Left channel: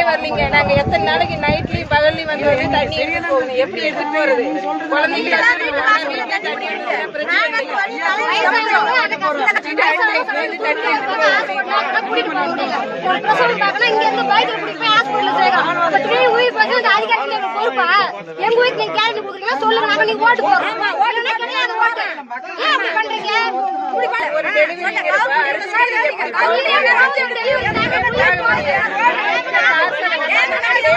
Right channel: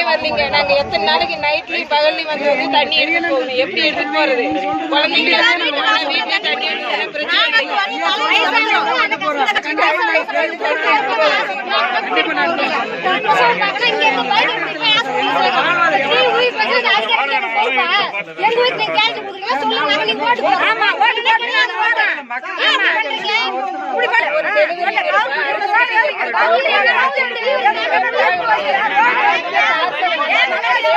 ஏன் வரலீங்க நாங்க எத்தனை நாளைக்கு நைட்லயும் பகல்லையும் வந்து வந்து தண்ணி எடுத்துட்டு போகணும். எப்படி எடுத்துட்டு போறது? குழந்தைங்க வீட்டுல தண்ணி எடுத்து பிரச்சனை எங்க வீட்டுல கொடுக்கல சொல்லுங்க நாங்க நீங்க ஓட்டு போடுறோம்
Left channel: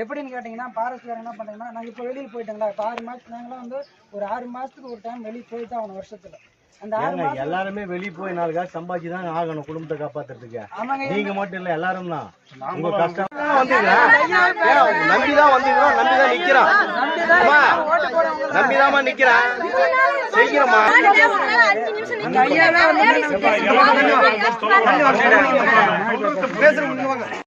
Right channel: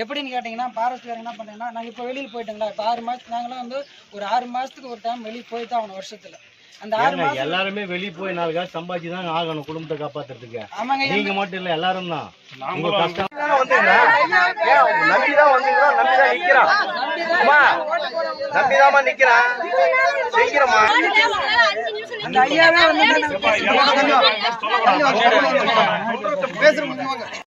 எப்படின்னு கேட்டிங்கன்னா ஃபாரஸ்ட்காரங்க என்ன பண்ணுறாங்கன்னா நாங்கள் இப்போ வெளியில் போயிட்டோங்களா இப்போ ஆறு மாதத்துக்கு நாங்களாம் வந்து ஒரு ஆறு மாதத்துக்கு ஒரு டைம் வெளியே போய் தான் ஆகணும் வருஷத்தில். அந்த ஆறு மாதம் எல்லாருமே வெளிய போய் நாலு காசு சம்பாதிச்சு தான் ஆகணும் குடும்பத்தை காப்பாத்துறதுக்கு. ஆமாங்க நீங்க மட்டும் இல்ல எல்லாரும் தான். உங்க கஷ்டம் நம்பிதான் வந்தீங்களா? நம்பிதான் நிக்கிறான் நம்பிதாமா நிக்கிறான் செய்கிறமா பேசுறோம்